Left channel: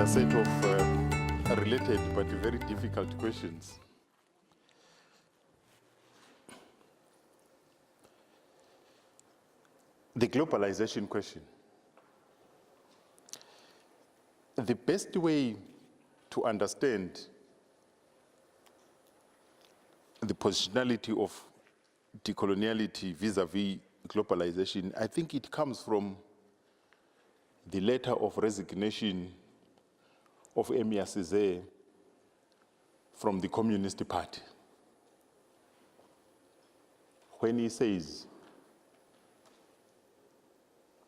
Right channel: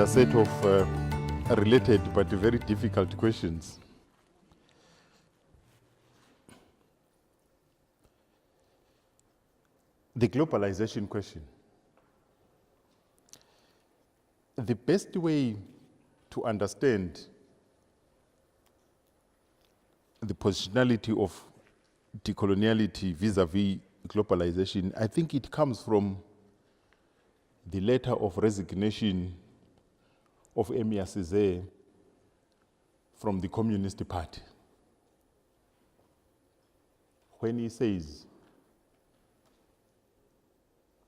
another set of related but very difficult questions. The globalization question. The best way to understand the positionality of decoloniality vis-a-vis globalization, I think it comes from the letter of resignation of Emir Césaire from the Communist Party, when he says,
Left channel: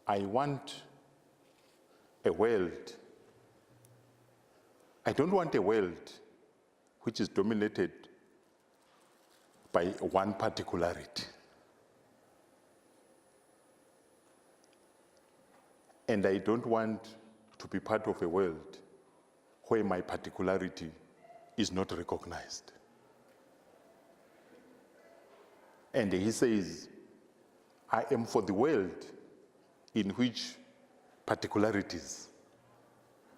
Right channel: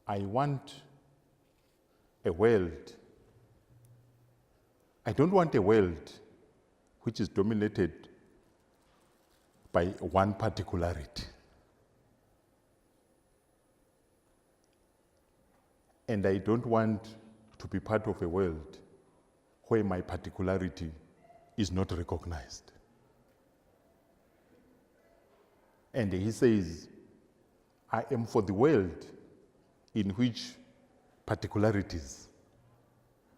I want a world. I don't want a world which is dominated by one particularity. And I don't want to be part of a world where my particularity is not recognized. And he says, I am for the world in which particularities,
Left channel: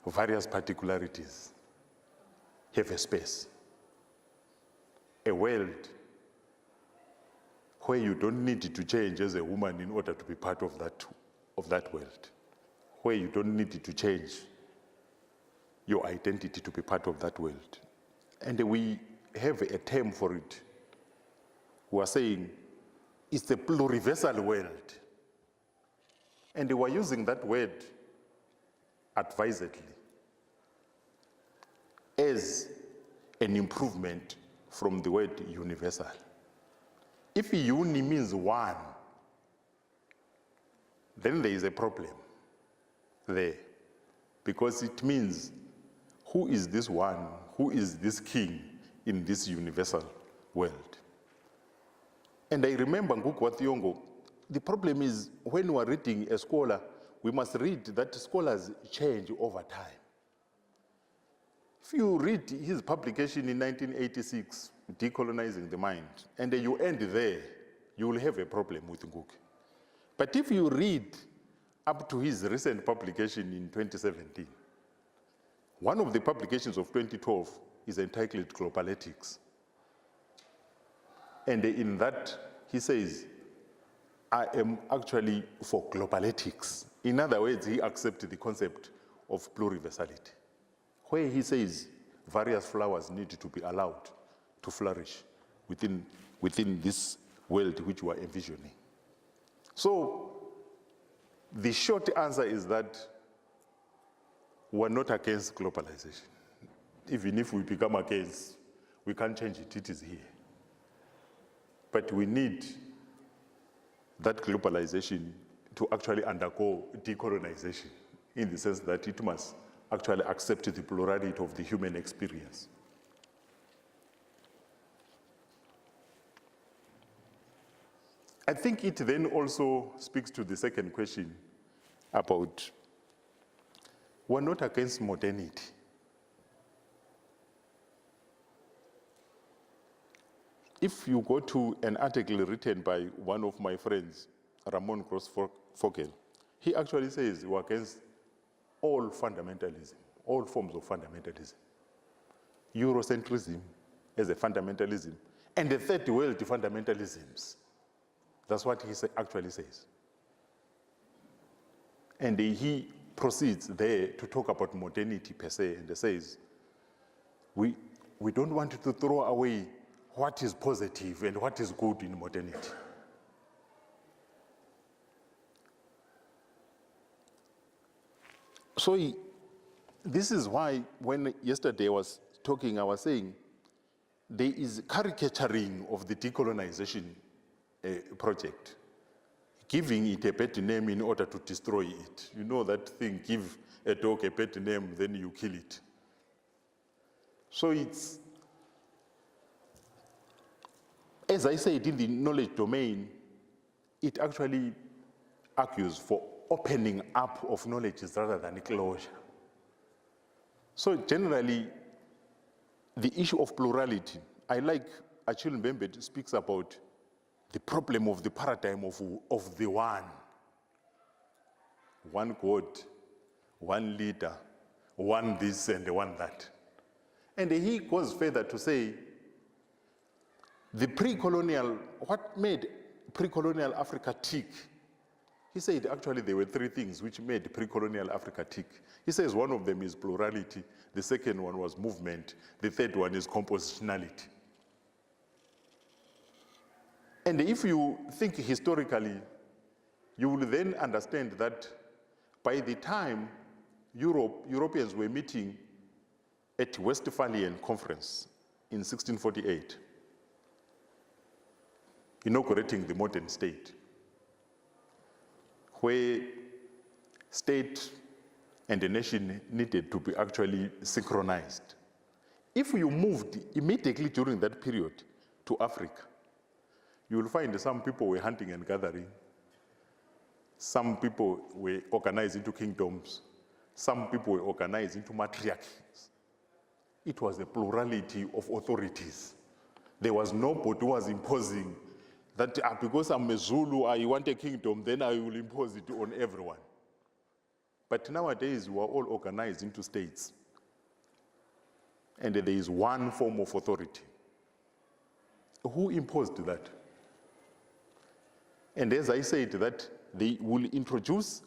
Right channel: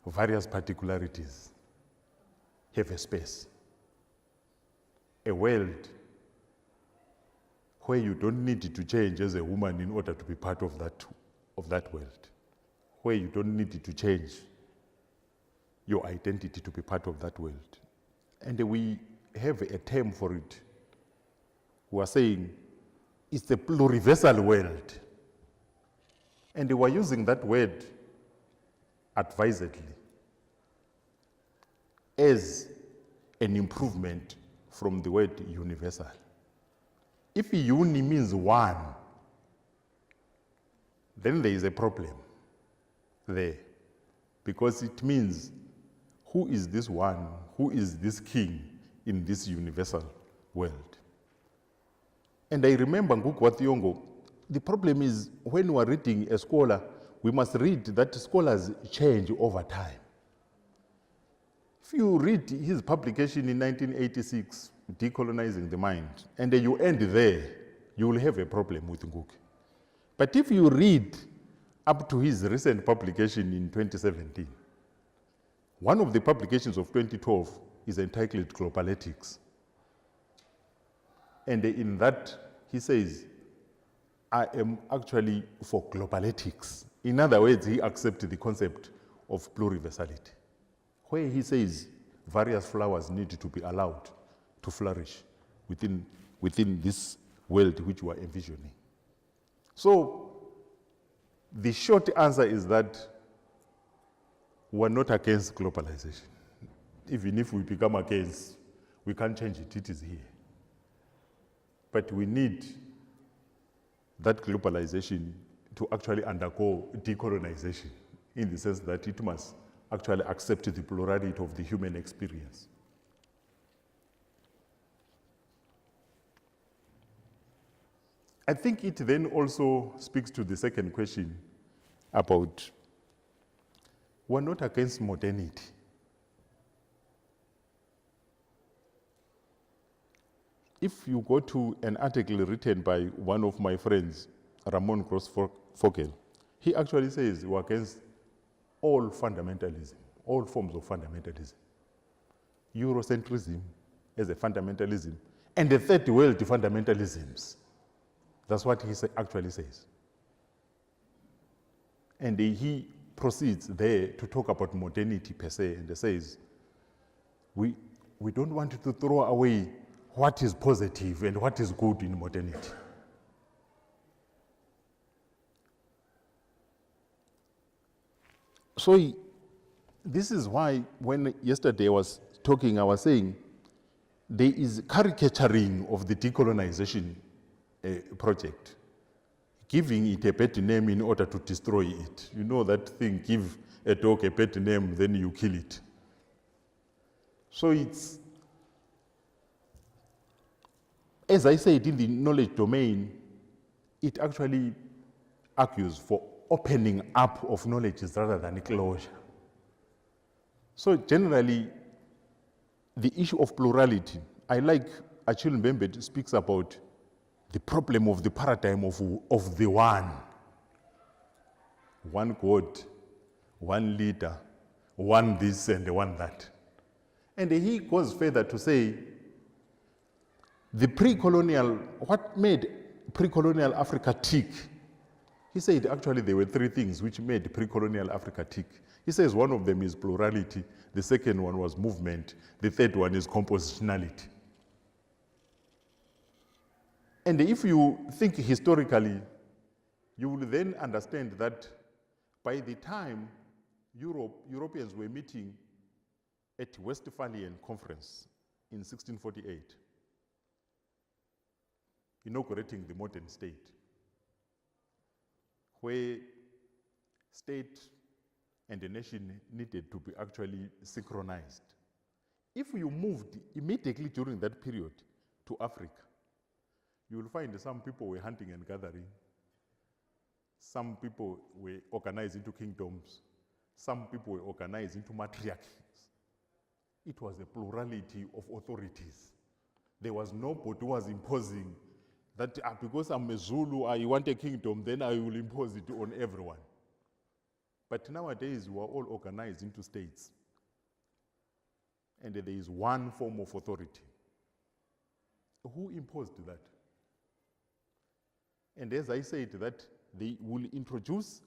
various particularities, have a space. A world where you don't need to change as a woman in order to be part of that world, where you don't need to change your identity to be part of that world. And we have a term for it. We are saying it's the pluriversal world. And we are using that word advisedly as an improvement from the word universal. If uni means one, then there is a problem there, because it means who is this one, who is this king in this universal world. And I remember Ngukwatiyongo, the problem is when we are reading a scholar, we must read that scholars change over time. If you read his publication in 1986, Decolonizing the Mind, and you end there, you will have a problem with Ngugi. But if you read up to his recent publication in 2017, one of the publications of 2012 is entitled Global Ethics. And in that, he says, I am actually for global ethics. In other words, he accepts the concept of pluriversality, where he says various flowers need to be allowed to flourish within this world which we are envisioning. So the short answer is that we're not against globalization. Even if we become against, we can't change it, it is here. But we need that globalization to actually undergo decolonization, in the sense that it must actually accept the plurality of the human experience. I think it then also speaks to the second question about we're not against modernity. If you go to an article written by one of my friends, Ramon Gross-Fogel, he actually says we're against all fundamentalism, all forms of fundamentalism. Eurocentrism as a fundamentalism, and the third world fundamentalisms. That's what he actually says. And he proceeds there to talk about modernity per se, and he says, we don't want to throw away what is positive and what is good in modernity. So this is why when yesterday I was talking, I was saying there is caricaturing of the decolonization project, giving it a pet name in order to destroy it. You know that thing, give a dog a pet name, then you kill it. So it's, as I said, in the knowledge domain, it actually argues for opening up of knowledge rather than closure. So generally, the issue of plurality, I like Achille Mbembe speaks about the problem of the paradigm of the one God, one leader, one this and one that. And he goes further to say, the pre-colonial, what made pre-colonial Africa tick? He said actually there were three things which made pre-colonial Africa tick. He says one of them is plurality, the second one was movement, the third one is compositionality. And if you think historically, you will then understand that by the time Europeans were meeting at Westphalian Conference in 1648, inaugurating the modern state, where state and the nation needed to be actually synchronized. If you moved immediately during that period to Africa, you will find some people were hunting and gathering. Some people were organized into kingdoms. Some people were organized into matriarchies. It was a plurality of authorities. There was nobody who was imposing that because I'm a Zulu, I want a kingdom, then I will impose it on everyone. But nowadays, we are all organized into states. And there is one form of authority. Who imposed that? And as I said, that they will introduce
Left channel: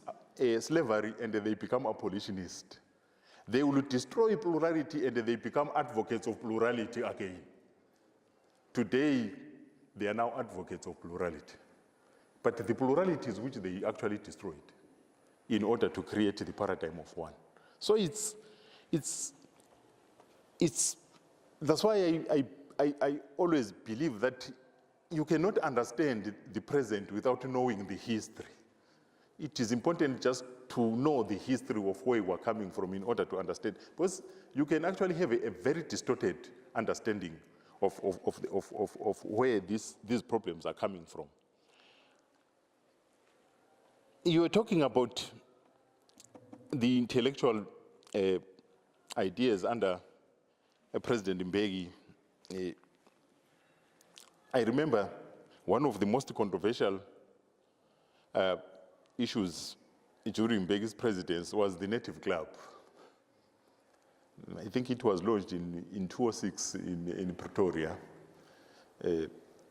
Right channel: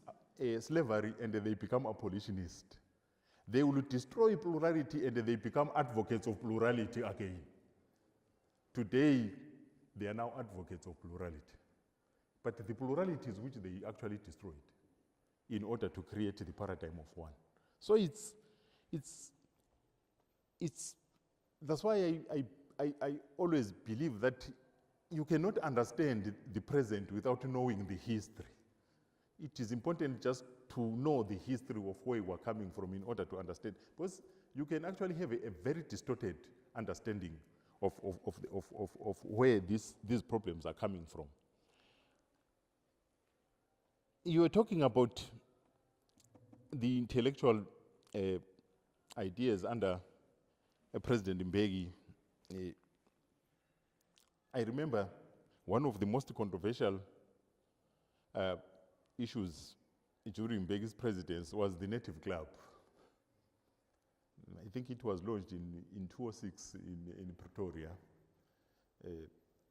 slavery and they become abolitionists. They will destroy plurality and they become advocates of plurality again. Today, they are now advocates of plurality. But the pluralities which they actually destroyed in order to create the paradigm of one. So that's why I always believe that you cannot understand the present without knowing the history. It is important just to know the history of where we are coming from in order to understand, because you can actually have a very distorted understanding of where these problems are coming from. You were talking about the intellectual ideas under President Mbeki. I remember one of the most controversial issues during Mbeki's presidency was the Native Club. I think it was launched in 2006 in Pretoria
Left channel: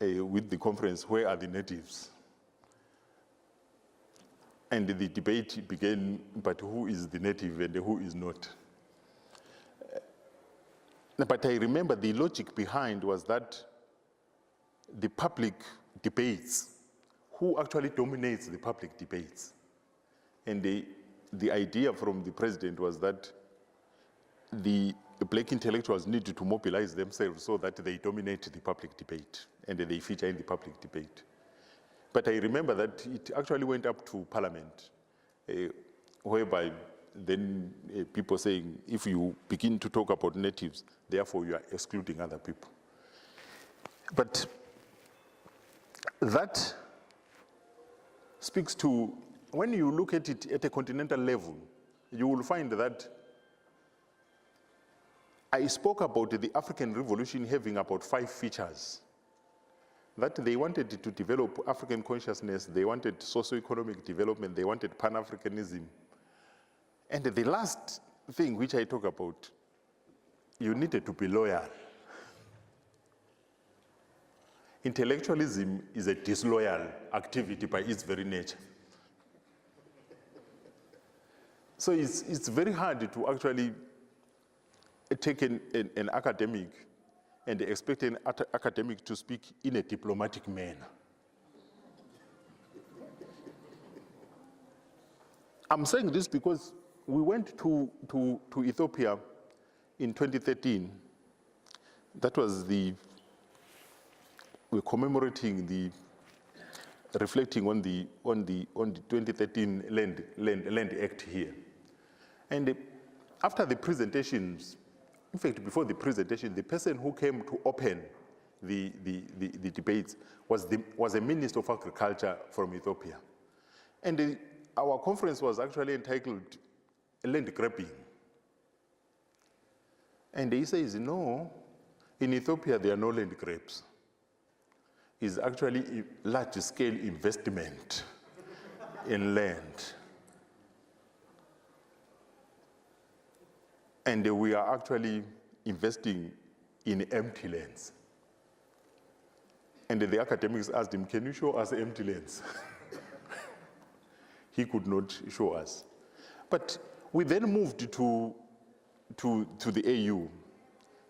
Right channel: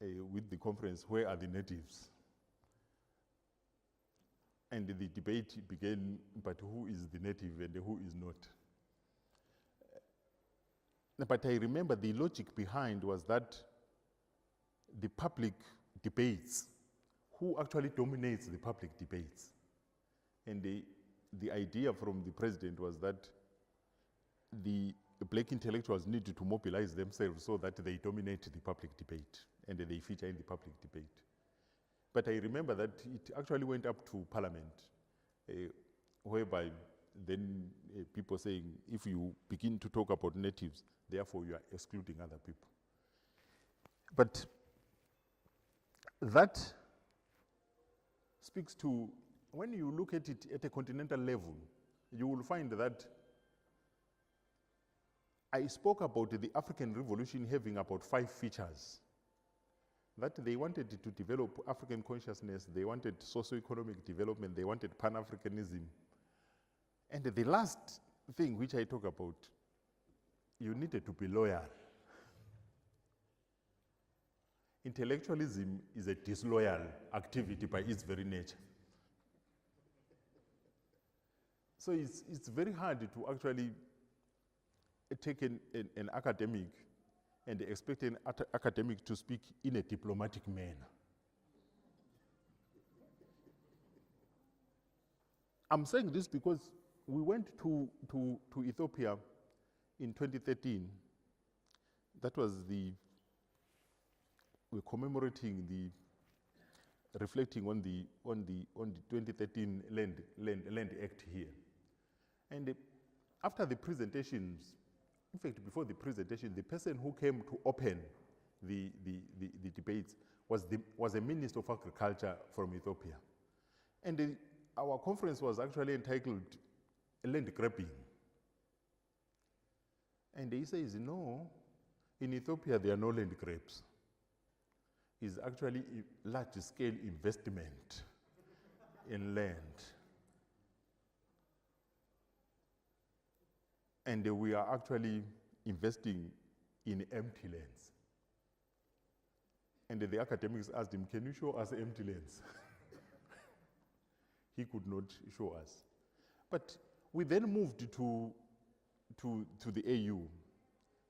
with the conference, Where Are the Natives? And the debate began, but who is the native and who is not? But I remember the logic behind was that the public debates, who actually dominates the public debates? And the idea from the president was that the black intellectuals needed to mobilize themselves so that they dominate the public debate and they feature in the public debate. But I remember that it actually went up to Parliament, whereby then people saying, if you begin to talk about natives, therefore you are excluding other people. But that speaks to, when you look at it at a continental level, you will find that I spoke about the African Revolution having about 5 features. That they wanted to develop African consciousness, they wanted socio-economic development, they wanted Pan-Africanism. And the last thing which I talk about, you needed to be loyal. Intellectualism is a disloyal activity by its very nature. So it's very hard to actually take an academic and expect an academic to speak in a diplomatic manner. I'm saying this because we went to Ethiopia in 2013. That was we're commemorating reflecting on the 2013 Land Act here. And after the presentations, in fact, before the presentation, the person who came to open the debates was a minister of agriculture from Ethiopia. And our conference was actually entitled Land Grabbing. And he says, no, in Ethiopia there are no land grabs. It's actually a large-scale investment in land. And we are actually investing in empty lands. And the academics asked him, can you show us empty lands? He could not show us. But we then moved to the AU,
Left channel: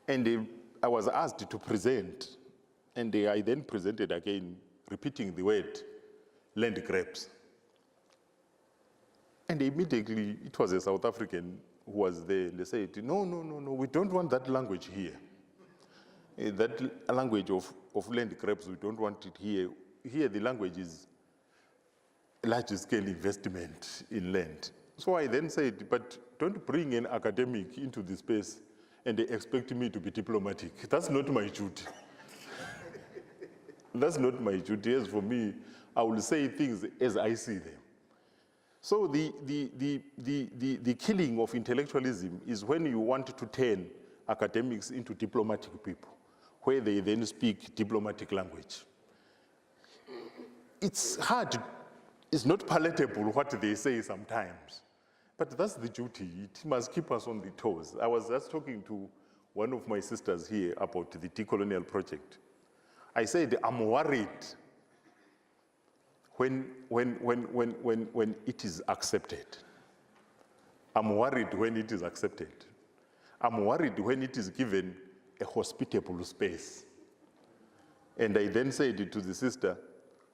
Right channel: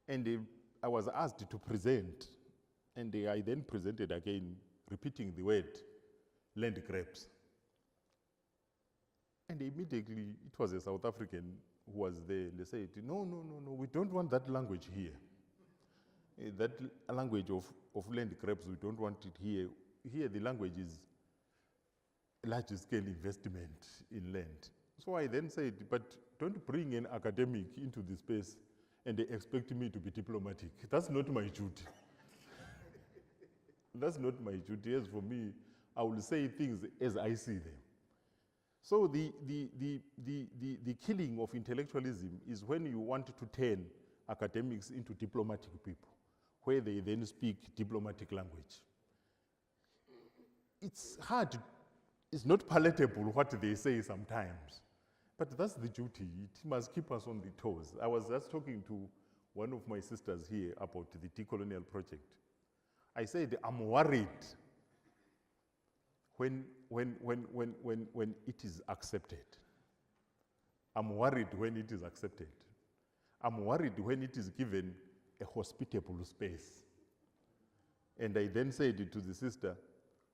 and I was asked to present, and I then presented again, repeating the word land grabs. And immediately, it was a South African who was there. They said, no, we don't want that language here. That language of land grabs, we don't want it here. Here, the language is large-scale investment in land. So I then said, but don't bring an academic into the space and they expect me to be diplomatic. That's not my duty. That's not my duty. As for me, I will say things as I see them. So the killing of intellectualism is when you want to turn academics into diplomatic people, where they then speak diplomatic language. It's hard, it's not palatable what they say sometimes, but that's the duty. It must keep us on the toes. I was just talking to one of my sisters here about the decolonial project. I said, I'm worried when it is accepted. I'm worried when it is accepted. I'm worried when it is given a hospitable space. And I then said to the sister,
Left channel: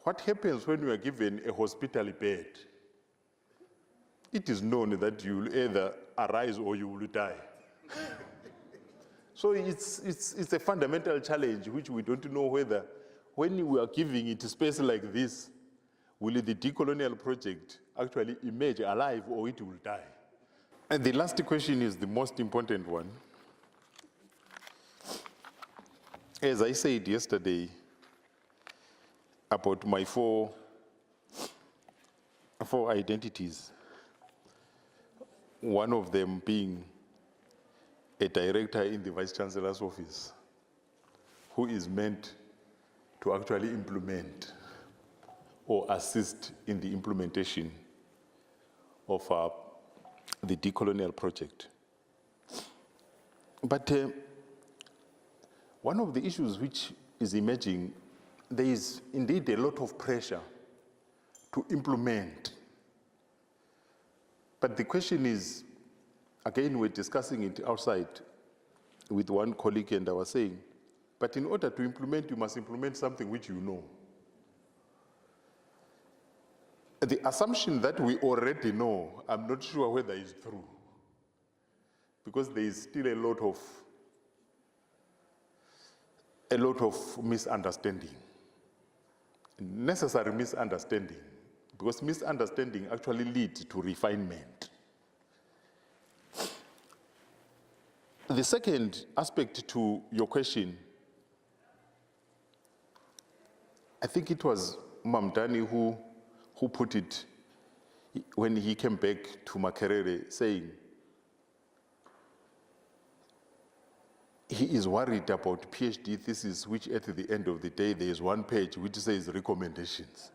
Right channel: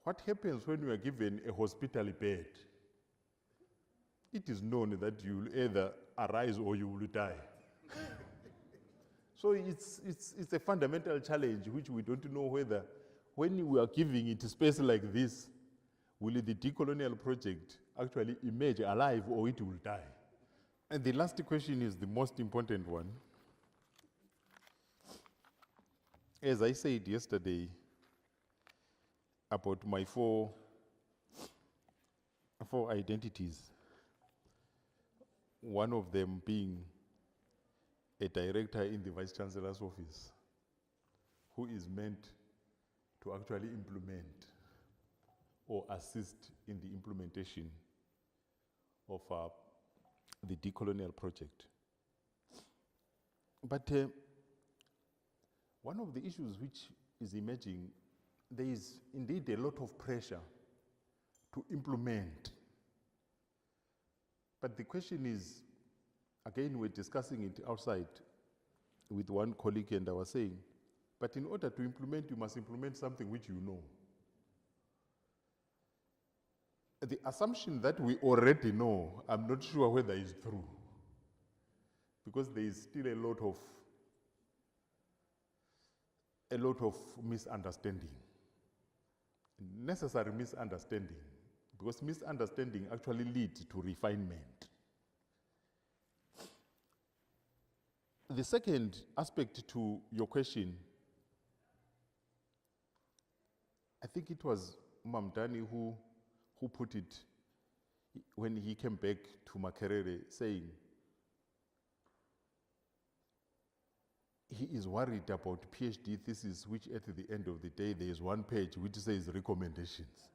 what happens when you are given a hospital bed? It is known that you will either arise or you will die. So it's a fundamental challenge which we don't know whether, when we are giving it space like this, will the decolonial project actually emerge alive or it will die? And the last question is the most important one. As I said yesterday about my four identities, one of them being a director in the Vice Chancellor's office who is meant to actually implement or assist in the implementation of the decolonial project. But one of the issues which is emerging, there is indeed a lot of pressure to implement. But the question is, again, we're discussing it outside with one colleague, and I was saying, but in order to implement, you must implement something which you know. The assumption that we already know, I'm not sure whether it's true, because there is still a lot of misunderstanding, necessary misunderstanding, because misunderstanding actually leads to refinement. The second aspect to your question, I think it was Mamdani who put it when he came back to Makerere, saying he is worried about PhD thesis, which at the end of the day, there is one page which says recommendations.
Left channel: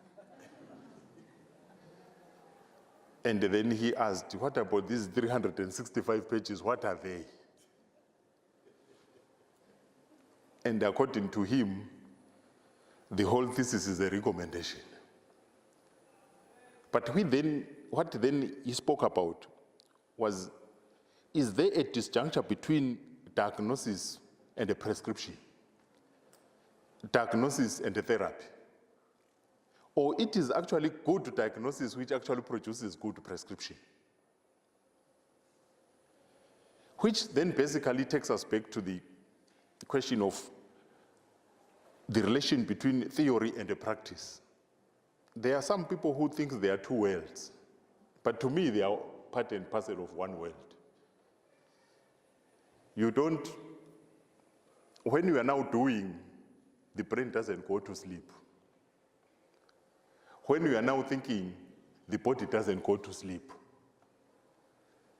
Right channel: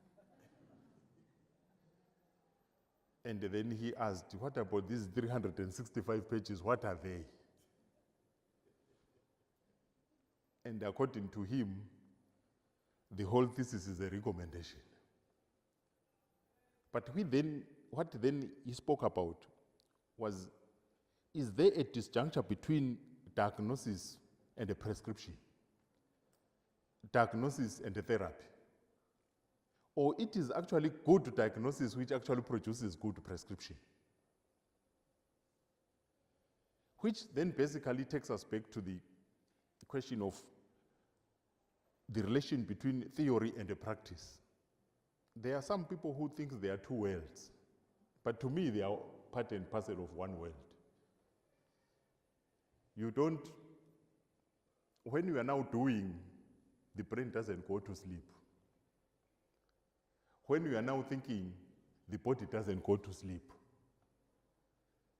And then he asked, what about these 365 pages, what are they? And according to him, the whole thesis is a recommendation. But what then he spoke about was, is there a disjuncture between diagnosis and a prescription? Diagnosis and a therapy? Or it is actually good diagnosis which actually produces good prescription? Which then basically takes us back to the question of the relation between theory and a practice. There are some people who think there are two worlds, but to me they are part and parcel of one world. You don't, when you are now doing, the brain doesn't go to sleep. When you are now thinking, the body doesn't go to sleep.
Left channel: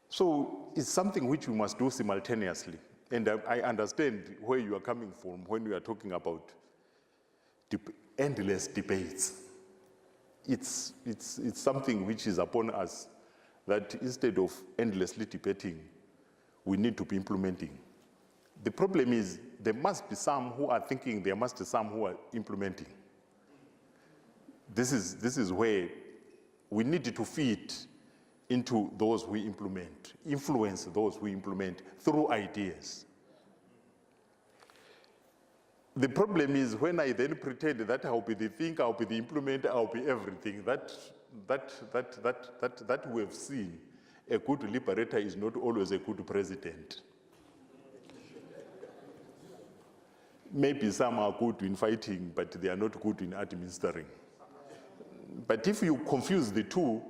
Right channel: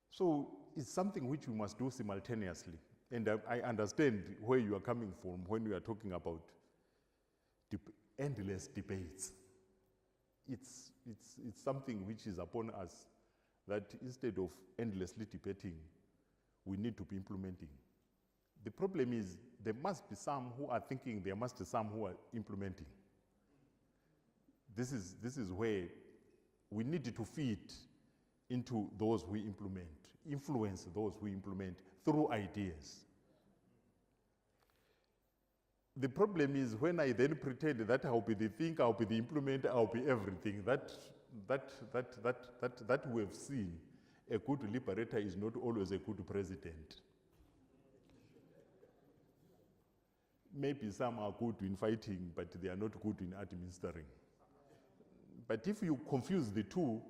So it's something which we must do simultaneously. And I understand where you are coming from when you are talking about endless debates. It's something which is upon us, that instead of endlessly debating, we need to be implementing. The problem is there must be some who are thinking, there must be some who are implementing. This is where we need to feed into those who implement, influence those who implement through ideas. The problem is when I then pretend that I'll be the thinker, I'll be the implementer, I'll be everything, that we have seen. A good liberator is not always a good president. Maybe some are good in fighting, but they are not good in administering. But if you confuse the two,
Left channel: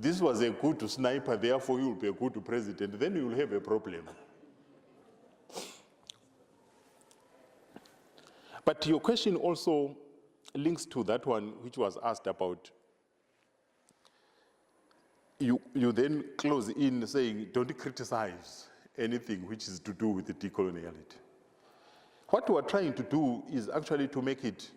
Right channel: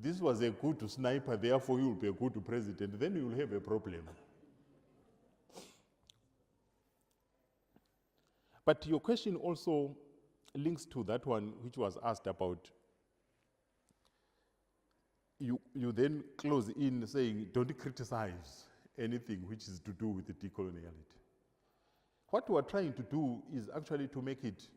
this was a good sniper, therefore you will be a good president, then you will have a problem. But your question also links to that one which was asked about. You then close in saying, don't criticize anything which is to do with the decoloniality. What we are trying to do is actually to make it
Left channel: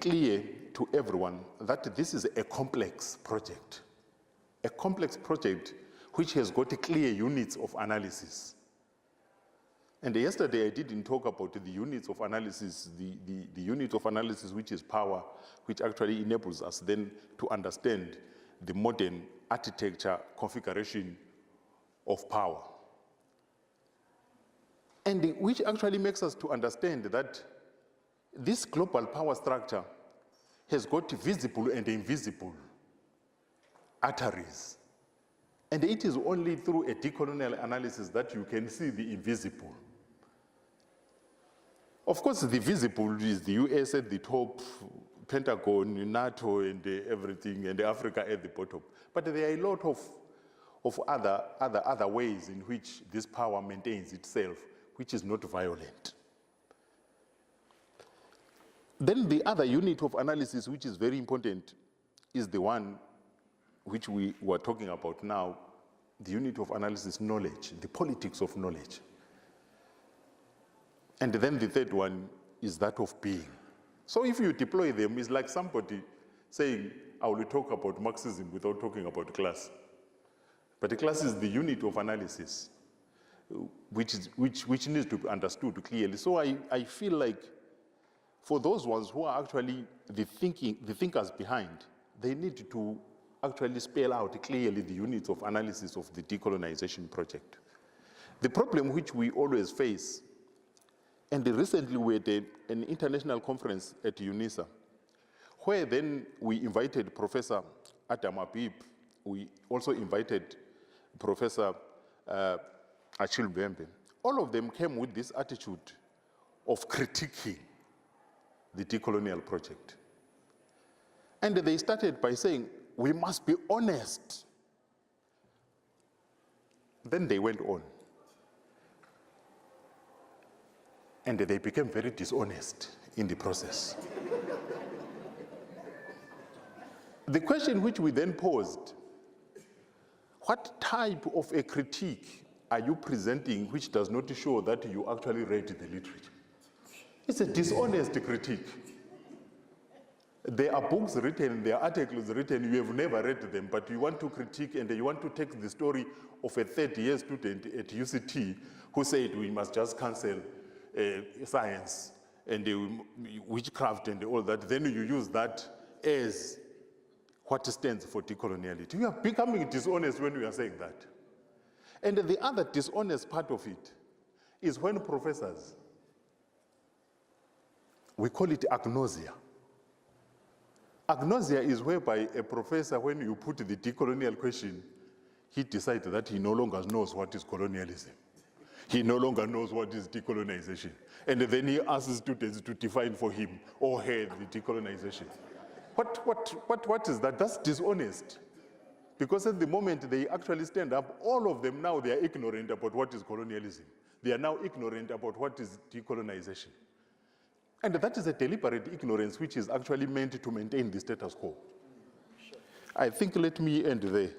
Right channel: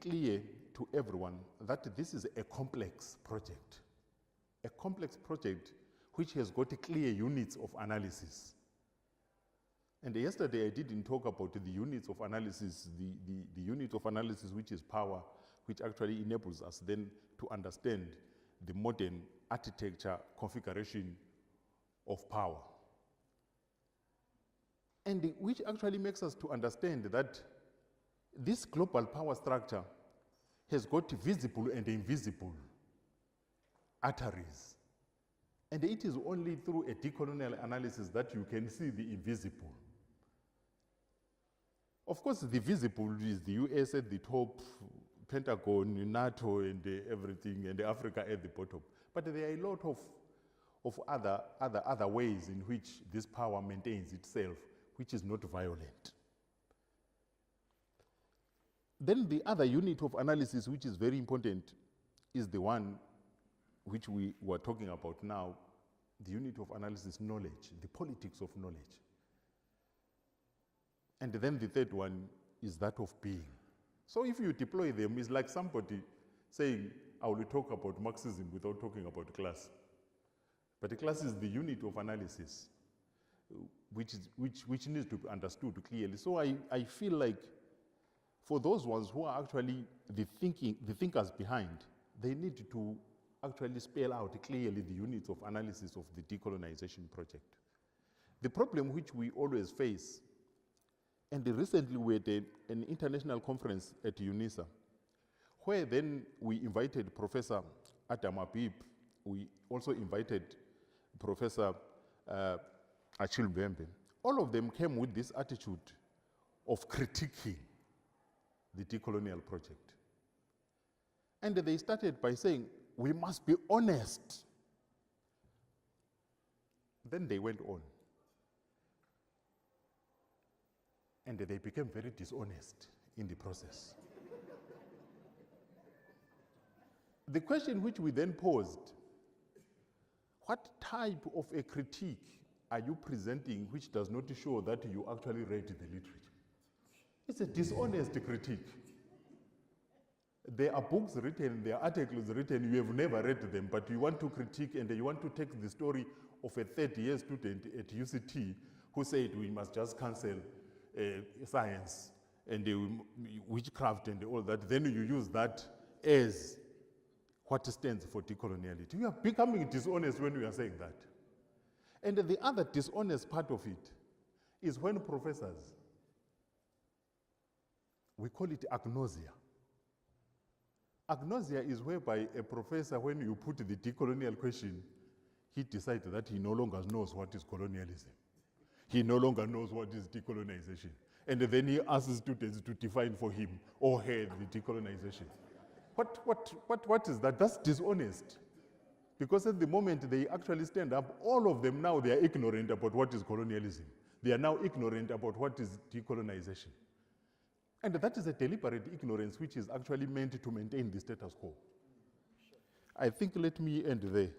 clear to everyone that this is a complex project which has got clear units of analysis. And yesterday I didn't talk about the units of analysis, the unit of analysis which is power, which actually enables us then to understand the modern architecture configuration of power. And which actually makes us to understand that this global power structure has got visible and invisible arteries. And it is only through a decolonial analysis that you can see the invisible. Of course, the visible is the US at the top, Pentagon, NATO, and everything, and Africa at the bottom. But there are a lot of other ways in which this power maintains itself, which is not violent. Then the other unit of analysis, which is very important, is the one which we were talking about now, the unit of analysis, knowledge, the politics of knowledge. And then the third one is that of being. So if you deploy them, it's like somebody saying, I will talk about Marxism without talking about class. But the class is the unit of analysis, which needs to be understood clearly. So I feel like for those ones who are actually the thinkers behind, they need to actually spell out clearly the units of analysis of the decolonization project. The problem which we always face, and recently we had an international conference at UNISA, where then we invited Professor Adam Abib, we also invited Professor Achille Mbembe. All of them came with this attitude of critiquing the decolonial project. And they started by saying, we must be honest. Then they went on. And they became very dishonest in the process. The question which we then posed, what type of a critique are you presenting which does not show that you actually read the literature? It's a dishonest critique. There are books written, there are articles written, you have never read them, but you want to critique and you want to take the story of a third-year student at UCT who said we must just cancel science and witchcraft and all that, then you use that as what stands for decoloniality. You are becoming dishonest when you are saying that. And the other dishonest part of it is when professors, we call it agnosia. Agnosia is whereby a professor, when you put the decolonial question, he decides that he no longer knows what is colonialism. He no longer knows what is decolonization. And then he asks students to define for him or her the decolonization. What is that? That's dishonest. Because at the moment they actually stand up, all of them now, they are ignorant about what is colonialism. They are now ignorant about what is decolonization. And that is a deliberate ignorance which is actually meant to maintain the status quo. I think let me end there.